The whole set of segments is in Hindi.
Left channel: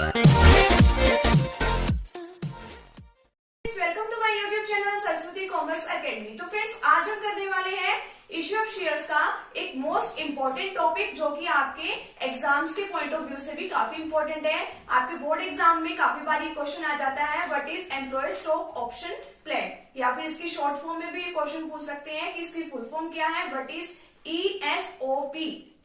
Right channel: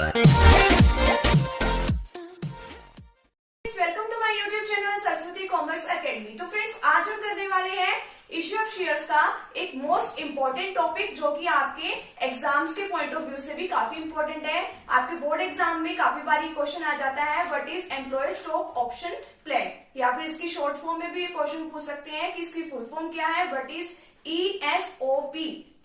Welcome to my YouTube channel Saraswati commerce academy. तो फ्रेंड्स, आज हम करने वाले हैं इश्यू ऑफ शेयर्स का एक मोस्ट इंपॉर्टेंट टॉपिक, जो कि आपके एग्जाम्स के पॉइंट ऑफ व्यू से भी काफी इंपॉर्टेंट है। आपके बोर्ड एग्जाम में काफी बार ये क्वेश्चन आ जाता है, what is employ stock option plan, या फिर इसकी शॉर्ट फॉर्म में भी ये क्वेश्चन पूछ सकते हैं कि इसकी फुल फॉर्म क्या है, व्हाट इज ESOP।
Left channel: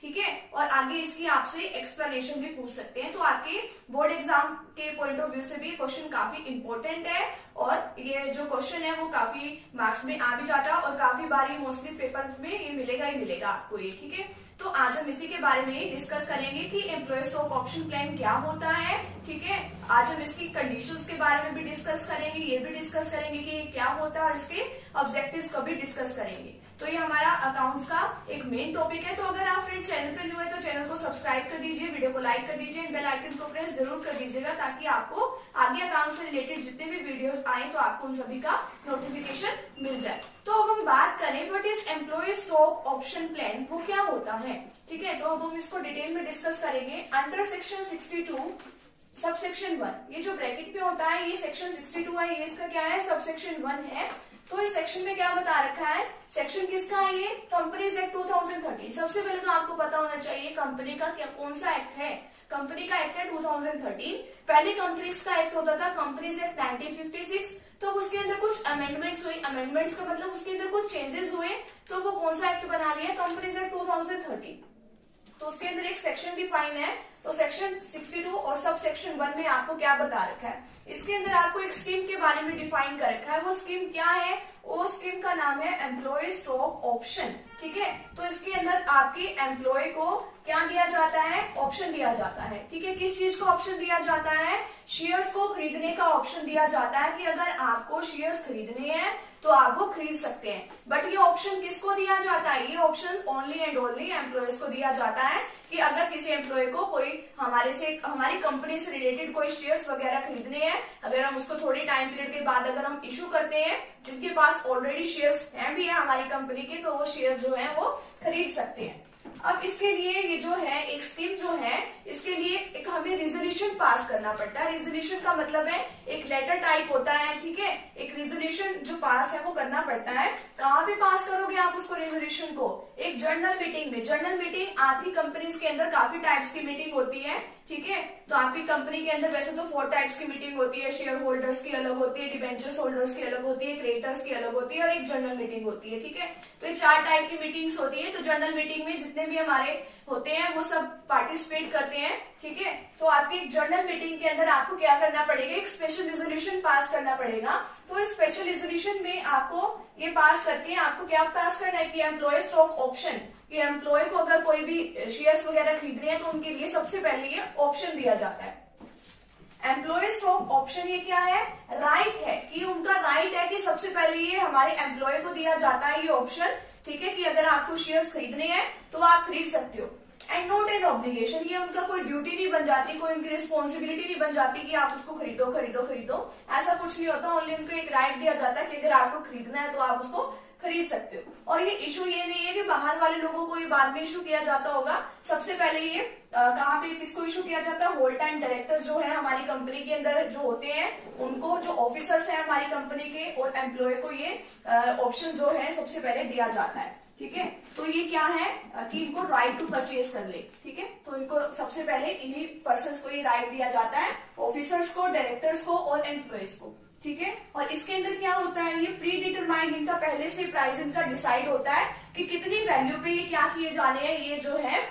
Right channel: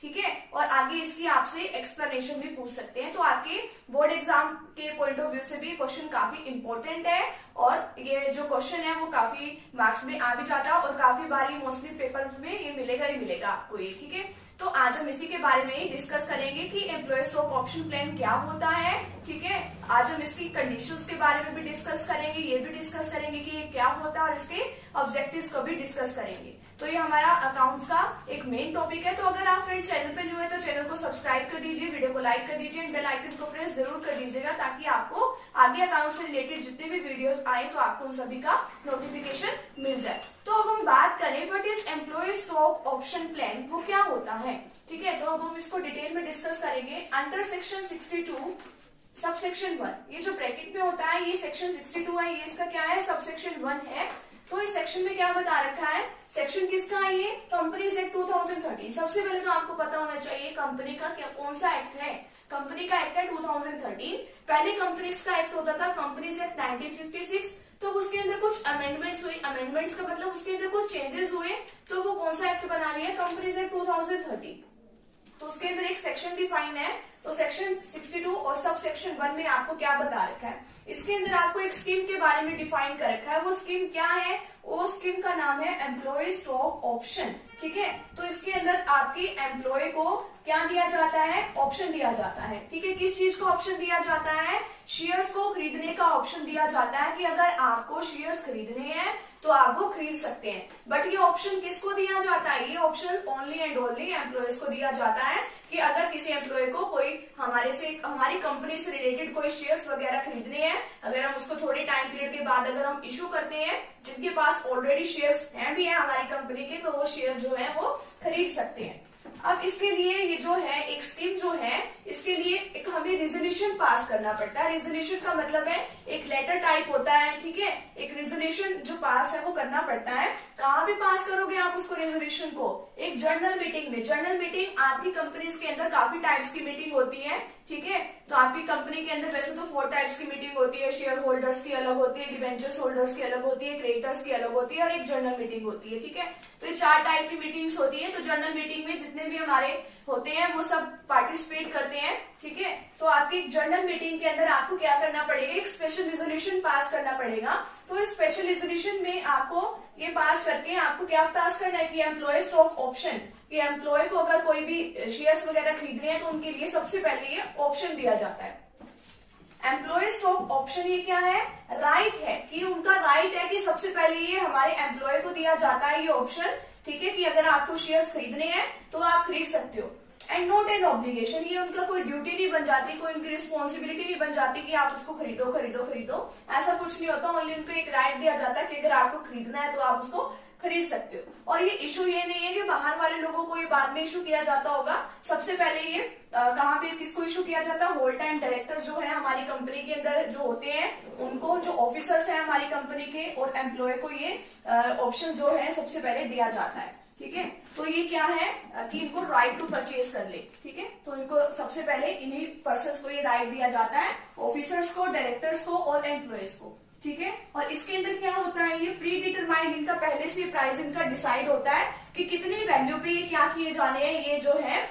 ठीक है, और आगे इसकी आपसे एक्सप्लेनेशन भी पूछ सकते हैं। तो आपके बोर्ड एग्जाम के पॉइंट ऑफ व्यू से भी क्वेश्चन काफी इंपॉर्टेंट है, और ये जो क्वेश्चन है वो काफी मार्क्स में आ भी जाता है, और काफी बार ये मोस्टली पेपर में ये मिलेगा ही मिलेगा आपको ये। ठीक है, तो आज हम इसी के बारे में डिस्कस करेंगे कि एम्प्लॉय स्टॉक ऑप्शन प्लान क्या होता है। ठीक है, आज हम इसकी कंडीशंस के बारे में भी डिस्कस करेंगे, ये भी डिस्कस करेंगे कि ये क्या होता है, और इसके ऑब्जेक्टिव्स को भी डिस्कस करेंगे। तो ये हमारा अकाउंट्स का एक मेन टॉपिक है। तो अगर आप फ्रेंड चैनल पे न्यू है तो चैनल को सब्सक्राइब कर दीजिए, वीडियो को लाइक कर दीजिए, बेल आइकन को प्रेस जरूर कर दीजिएगा, ताकि आपको आगे अकाउंट से रिलेटेड जितने भी वीडियोस आए तो आपको उन सभी का नोटिफिकेशन मिल जाए। तो अब हम बात करें what is employ stock option plan, वो क्या होता है। ठीक है, तो अब हम इसको डिटेल में डिस्कस करेंगे। अंडर सेक्शन 62 सब सेक्शन 1, ये जो ब्रैकेट में होता है ये सेक्शन 62 है, ये इसका क्या है, सब सेक्शन 1 है। तो इस सेक्शन में क्या बता रखा है, सेक्शन किसका है, ये कंपनीज एक्ट 2013। सबसे पहले तो आपको पता होना चाहिए कंपनी का क्या कौन सा एक्ट है। कंपनी का एक्ट है 2013। पहले कंपनीज का एक्ट होता था कंपनीज एक्ट 1956। तो उसके अंदर कुछ अमेंडमेंट्स हुई, अमेंडमेंट्स का मतलब उसके अंदर कुछ चेंजेस हुए, तो वो कौन सा एक्ट बना लिया, कंपनीज एक्ट 2013। तो उसके अंदर एक सेक्शन डिफाइन है, तो सेक्शन 62 और सब सेक्शन 1 में आपको क्या बता रखा है, इसके अंदर आपको एक स्कीम के बारे में डिफाइन कर रखा है। वो स्कीम क्या है, वो स्कीम का नाम है एम्प्लॉय स्टॉक ऑप्शन। ठीक है, तो इसके अंदर आपकी एम्प्लॉय को क्या दिया जाता है, ऑप्शन दिया जाता है। ठीक है, किस चीज का ऑप्शन दिया जाता है, शेयर्स को खरीदने का ऑप्शन दिया जाता है, कि अगर आपको शेयर्स खरीदने हैं तो आप वो खरीद सकते हैं। बट ये ऑप्शन किसको दिया जाता है, ये option only and only employees को दिया जाता है, कि अगर किसी एम्प्लॉय को कोई हमारी कंपनी से रिलेटेड कोई शेयर्स वगैरह खरीदने हैं, अगर हम उसको थोड़ी टाइम पीरियड के बाद अगर हम इशू करते हैं, जिनके पास ऑलरेडी शेयर्स हैं भी है हमारी कंपनी के, तो वो शेयर जो है वो खरीद सकते हैं। अब इसके लिए ये जो है एक स्कीम जो है, इसके लिए एक हमें रेजोल्यूशन पास करना पड़ता है। रेजोल्यूशन का मतलब है एक लेटर टाइप होता है। ठीक है, एक रेजोल्यूशन जो पास है वो करना पड़ता है। कहाँ भी पास करोगे आप उसको, रेजोल्यूशन को, एक जर्नल मीटिंग में। जर्नल मीटिंग आपकी कंपनीज के अंदर काफी टाइप्स की मीटिंग होती है। ठीक है, तो आपकी कंपनी के अंदर वैसे तो 4 टाइप्स की मीटिंग होती है, शेयर होल्डर्स की अलग होती है, डिबेंचर्स होल्डर्स की अलग होती है, क्रिएटर्स की अलग होती है, और एक जर्नल मीटिंग होती है। ठीक है, तो ये 4 टाइप की मीटिंग्स होती है। तो जर्नल मीटिंग में जितने भी हमारे होते हैं वो सब पार्टिसिपेट करते हैं। ठीक है, तो आपकी एक जर्नल मीटिंग के अंदर आपको क्या करना पड़ेगा, एक स्पेशल रेजोल्यूशन पास करना पड़ेगा। तो इस स्पेशल रेजोल्यूशन में आपको ये पास करके आपको क्या पास करना है, कि एम्प्लॉय स्टॉक ऑप्शन, कि एम्प्लॉय को अगर कोई भी शेयर्स वगैरह खरीद रहे हैं तो उनके लिए सबसे पहले ये ऑप्शन दिया जाता है। एम्प्लॉय स्टॉक ऑप्शन ये क्या है, राइट है, कि उनका राइट है कि सबसे पहले ये हमारे एम्प्लॉय को दिया जाता है ये ऑप्शन। ठीक है, कि अगर आपको शेयर्स खरीदने हैं तो आप खरीद सकते हो। एंड नॉट एन ऑब्लिगेशन, ये उनका कोई ड्यूटी नहीं बन जाती, कोई उनकी रिस्पॉन्सिबिलिटी नहीं बन जाती कि आप उसको खरीदो खरीदो खरीदो, ऐसा कुछ नहीं होता। ओनली उनको एक राइट दिया जाता है कि अगर आपको खरीदना है तो आप उसको खरीद सकते हो। और ये इशू ये नहीं है कि बाहर वाले लोगों को ये बाद में इशू किया जाता होगा। सबसे पहले ये कहाँ पे किसको इशू किया जाता है, होल टाइम डायरेक्टर जो है हमारी कंपनी के अंदर जो होते हैं उनको, जो ऑफिसर्स हैं हमारी कंपनी के, और एम्प्लॉय को ये ऑप्शन जो है सबसे पहले दिया जाता है। ठीक है, तो ये क्या है कि इनको राइट टू परचेज कर ले। ठीक है, तो इनको सबसे पहले इन्हीं पर्सन को ये राइट दिया जाता है, ऑफिसर्स को, डायरेक्टर्स को और एम्प्लॉयज को। ठीक है, और इसके अंदर क्या होता है, ये प्री डिटरमाइंड, इनका पहले से प्राइस इनका डिसाइड होता है कि कितनी वैल्यू पे ये क्या किए जाने हैं, ये जो है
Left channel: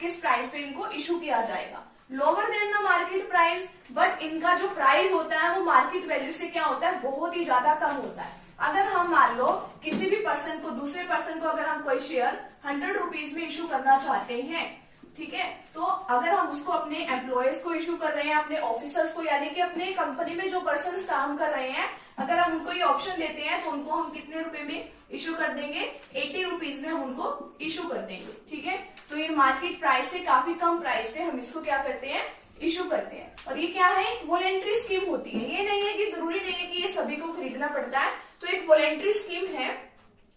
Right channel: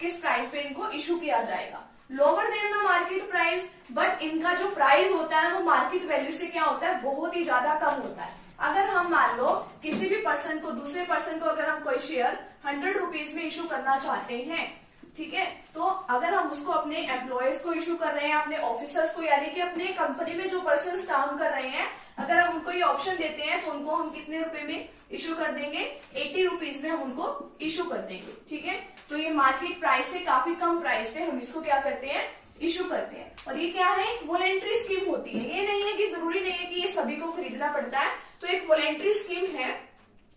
किस प्राइस पे इनको इशू किया जाएगा। Lower than the market price, but इनका जो प्राइस होता है वो मार्केट वैल्यू से क्या होता है, बहुत ही ज्यादा कम होता है। अगर हम मान लो किसी भी पर्सन को, दूसरे पर्सन को अगर हम कोई शेयर 100 रुपीज में इशू करना चाहते हैं, ठीक है, तो अगर हम उसको अपने एम्प्लॉयज को इशू कर रहे हैं, अपने ऑफिसर्स को, यानी कि अपने कंपनी में जो पर्सन काम कर रहे हैं, अगर हम उनको ये ऑप्शन देते हैं तो उनको हम कितने रुपए में इशू कर देंगे, 80 रुपीज में हम उनको इशू कर देंगे। ठीक है, तो ये मार्केट प्राइस से काफी कम प्राइस पे हम इसको क्या करते हैं, इशू करते हैं। और ये क्या है, वॉलेंट्री स्कीम होती है। ये नहीं है कि जरूरी नहीं है कि ये सभी को खरीदना पड़ता है। तो एक वॉलेंट्री स्कीम है,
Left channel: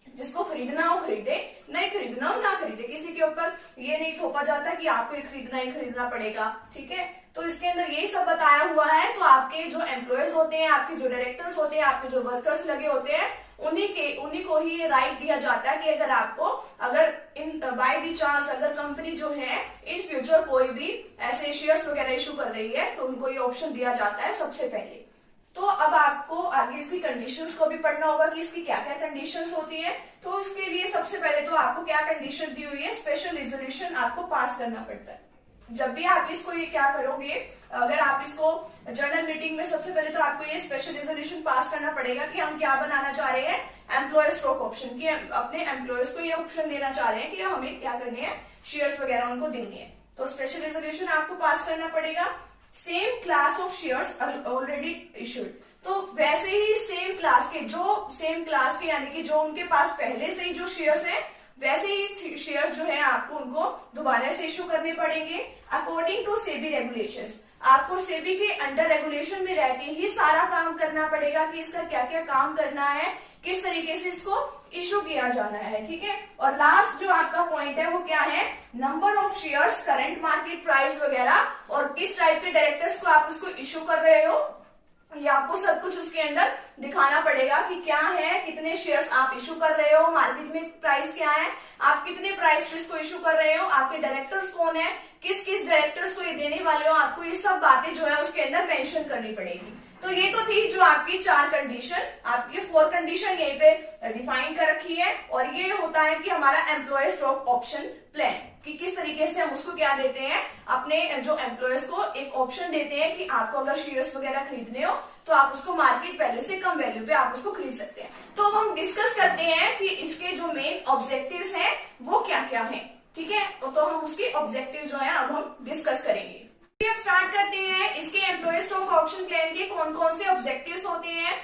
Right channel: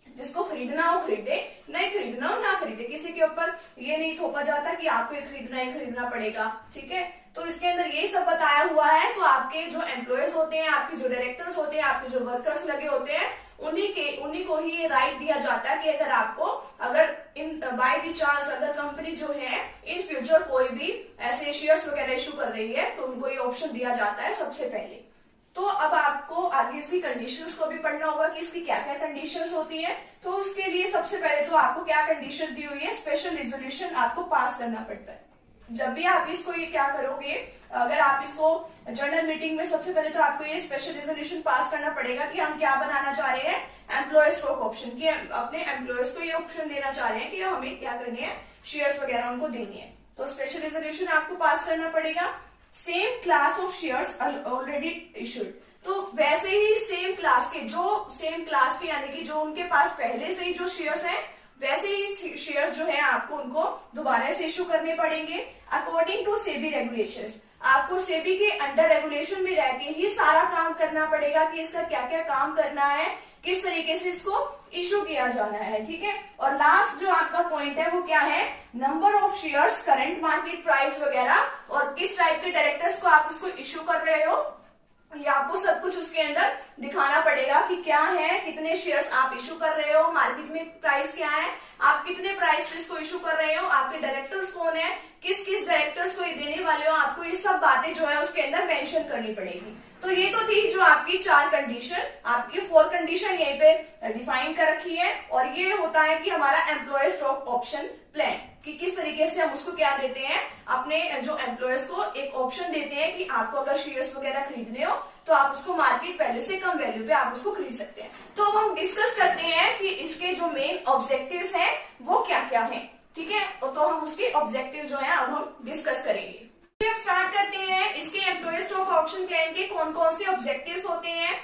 जिसको खरीदना हो खरीदे, नहीं खरीदना हो ना खरीदे, किसी के ऊपर ये नहीं थोपा जाता कि आपको ये खरीदना पड़ेगा। ठीक है, तो इसके अंदर यही सब बताया हुआ है। तो आपके जो एम्प्लॉयज होते हैं, आपके जो डायरेक्टर्स होते हैं, आपके जो वर्कर्स लगे होते हैं, उन्हीं को ही ये राइट दिया जाता है कि अगर इन बाय दी चांस अगर कंपनी जो है इन फ्यूचर कोई भी ऐसे शेयर्स वगैरह इशू कर रही है तो उनको ये ऑप्शन दिया जाता है सबसे पहले। तो अब आपको आगे इसकी कंडीशंस को भी पढ़ना होगा कि इसकी क्या क्या कंडीशंस होती है। तो इसके लिए सबसे पहले तो आपको क्या कंडीशन दी हुई है, स्पेशल रेजोल्यूशन आपको पास करना पड़ता है। जब भी आप इसको ये क्या करोगे, अगर आप इसको जनरल मीटिंग में सबसे पहले तो आपको ये स्पेशल रेजोल्यूशन पास करना पड़ेगा कि हम क्या बनाना चाह रहे हैं, एम्प्लॉय स्टॉक ऑप्शन की। अपने एम्प्लॉयज को ये ऑप्शन देना चाह रहे हैं कि हमें क्या करनी है, शेयर्स वगैरह उनको देनी है। तो स्पेशल रेजोल्यूशन आपको पास करना पड़ेगा। Same class of shares already issued, तो वैसे ही सेम क्लास के यानी कि जो उनके पास पहले से ही जो शेयर्स हैं वैसे ही शेयर्स जो है आपको उनको दोबारा से इशू करने पड़ेंगे अकॉर्डिंग टू सेबी रेगुलेशंस। आपको सेबी के अंडर रेगुलेशन में रह के ही सारा काम करना पड़ेगा कि इसका क्या क्या काम करना है, किस तरीके से इसको इशू किया जाना है, ठीक है। और लास्ट जो आपका पॉइंट है वो क्या है, number of shares, current market price वगैरह, और किस टाइप के डायरेक्टर्स को आप उसको इशू कर रहे हो, ये आपको सब कुछ उसके अंदर दिखाना पड़ेगा कि क्या है, कितने शेयर्स आप इशू कर रहे हो, मार्केट में प्राइस क्या है, आप कितने प्राइस से इसको इशू कर रहे हो, आपके डायरेक्टर्स कौन है, किस किस डायरेक्टर्स को ये देने वाले हो, आपको ये सब बातें जो है उसके अंदर मेंशन करनी पड़ेगी। तो ये तो थी जो आपकी 4 कंडीशन, आपकी 4 कंडीशन यहीं पे डिफाइन कर रखी है। और ये होता है कि हमारा एम्प्लॉय स्टॉक ऑप्शन प्लान, कि किस तरीके से हम उसको क्या देते हैं, अपने जो एम्प्लॉयज को एक ऑप्शन देते हैं कि आपको अगर शेयर्स वगैरह खरीदने हो तो आप उसको मार्केट वैल्यू से कम वैल्यू पे आप उसको खरीद सकते हैं। तो अब हम डिस्कस करते हैं कि इसके जो मेन ऑब्जेक्टिव्स हैं वो क्या क्या हैं, ठीक है। तो हम उसके ऑब्जेक्टिव जो है अब हम डिस्कस करेंगे। अब स्टार्ट करते हैं इसके एम्प्लॉय स्टॉक ऑप्शन प्लान के कौन कौन से ऑब्जेक्टिव्स होते हैं।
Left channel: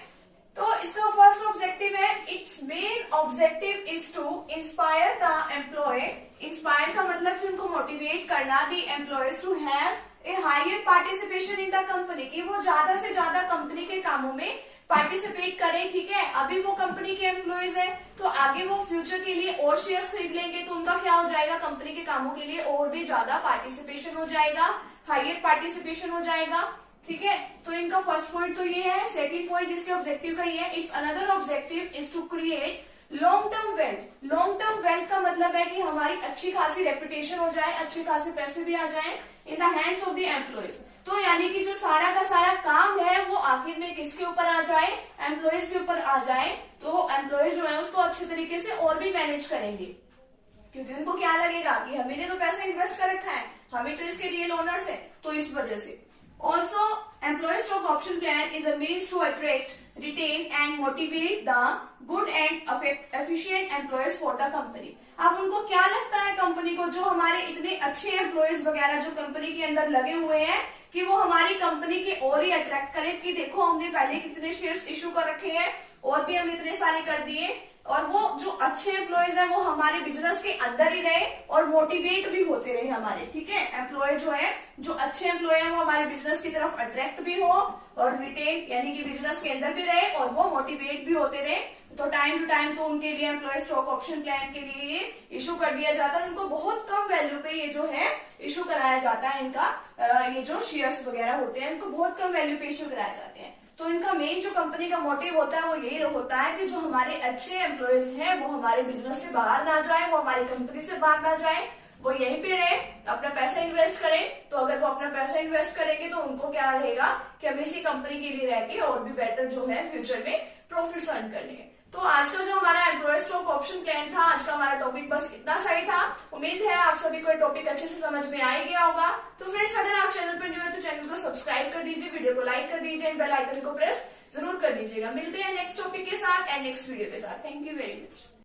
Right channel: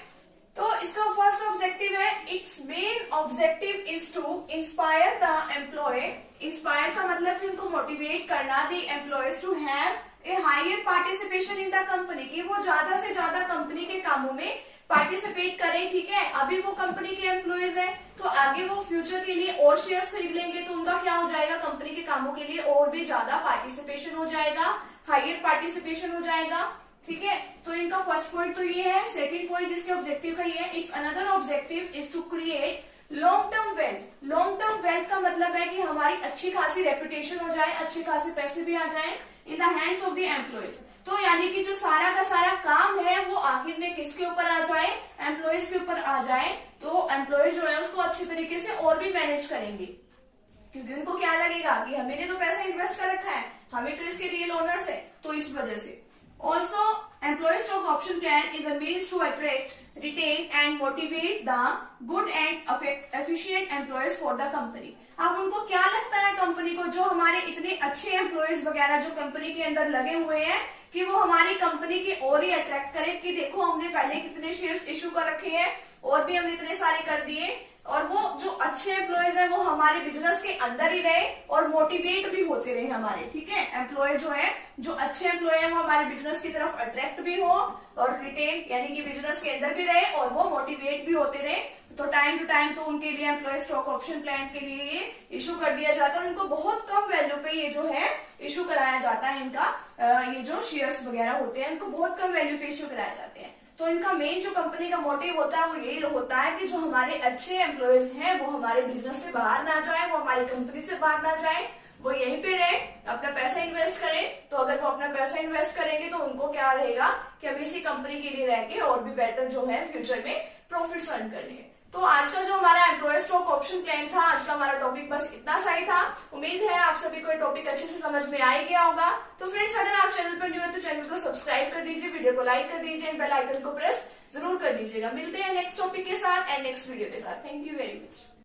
तो इसका फर्स्ट ऑब्जेक्टिव है, it's main objective is to inspire the employ. Inspire का मतलब कि उनको मोटिवेट करना, the employees to have a higher participation in the company, कि वो ज्यादा से ज्यादा कंपनी के कामों में पार्टिसिपेट करें, ठीक है। अभी वो कंपनी के एम्प्लॉयज है तो आगे वो फ्यूचर के लिए और शेयर्स खरीद लेंगे तो उनका क्या हो जाएगा, कंपनी के कामों के लिए और भी ज्यादा पार्टिसिपेशन हो जाएगा, हायर पार्टिसिपेशन हो जाएगा, ठीक है। तो इनका फर्स्ट पॉइंट तो ये है। सेकंड पॉइंट इसके ऑब्जेक्टिव का ये है, it's another objective is to create long term wealth. Long term wealth का मतलब है कि हमारी अच्छी खासी रेपुटेशन हो जाए, अच्छे खासे पैसे भी आ जाए in the hands of the employees. तो यानी कि जो सारा का सारा काम है वो आखिर में किसके ऊपर आ जाए, एम्प्लॉयज के ऊपर आ जाए। तो एम्प्लॉयज जो है उसको अच्छे तरीके से और भी मैनेज करेंगे, क्योंकि उनको क्या लगेगा कि हमने तो पैसा इन्वेस्ट कर रखा है, हमें तो इसके रियल ओनर्स है, तो इस वजह से। Also, employee stock option plan is a means to attract, retain and motivate the good and efficient employees for the company. अब उनको क्या लगता है कंपनी को, जो हमारे इतने अच्छे एम्प्लॉयज वगैरह जो कंपनी के अंदर लगे हुए हैं, कि वो हमारी कंपनी के और ही अट्रैक्ट करें कि देखो हमने पहले कितने शेयर्स इशू कर रखे हैं और भी हमने इतने सारे कर दिए, और वो जो अच्छे एम्प्लॉयज हैं वो हमारे बिजनेस के अंदर ही रहे और मोटिवेट भी होते रहे हमारे, ठीक है। एम्प्लॉय जो है, जो अच्छे एम्प्लॉय हैं वो हमारे बिजनेस की तरफ अट्रैक्ट भी हो और रिटेन यानी कि बिजनेस के अंदर भी रहे और वो मोटिवेट भी होते रहे। तो टाइम टू टाइम तो उनके लिए एम्प्लॉय स्टॉक ऑप्शन प्लान के लिए इशू कर दिया जाता है, उनको बहुत कम वैल्यू पे ये जो है इशू कराया जाता है। इनका ये जो शेयर्स वगैरह होते हैं इनको बहुत कम वैल्यू पे इशू कराए जाते हैं। तो इनका मेन जो कंपनी का मोटिव होता है वो यही होता है कि जो हमारे अच्छे एम्प्लॉयज हैं वो हमारे बिजनेस से बाहर ना जाए, वो हमारी कंपनी से बाहर ना जाए, वो यहीं पे रहे, अपना पैसा इन्वेस्ट करें। तो अगर वो अपना पैसा इन्वेस्ट करेंगे तो उनको क्या रहेगा कि हम इसी कंपनी के लिए रह के और भी बेटर जो है फ्यूचर में प्रॉफिट अर्न करने हैं। तो आज का जो हमारा एम्प्लॉय स्टॉक ऑप्शन प्लान था, आज का हमारा टॉपिक बस इतना सा ही था। उम्मीद है आप सभी को टॉपिक अच्छे से समझ में आ गया होगा। तो फ्रेंड्स, अगर आप चैनल पर न्यू है तो चैनल को सब्सक्राइब कर दीजिए, वीडियो को लाइक कर दीजिए, बेल आइकन को प्रेस जरूर कर दीजिएगा। मिलते हैं नेक्स्ट टॉपिक के साथ एंड नेक्स्ट वीडियो के साथ। Thank you very much.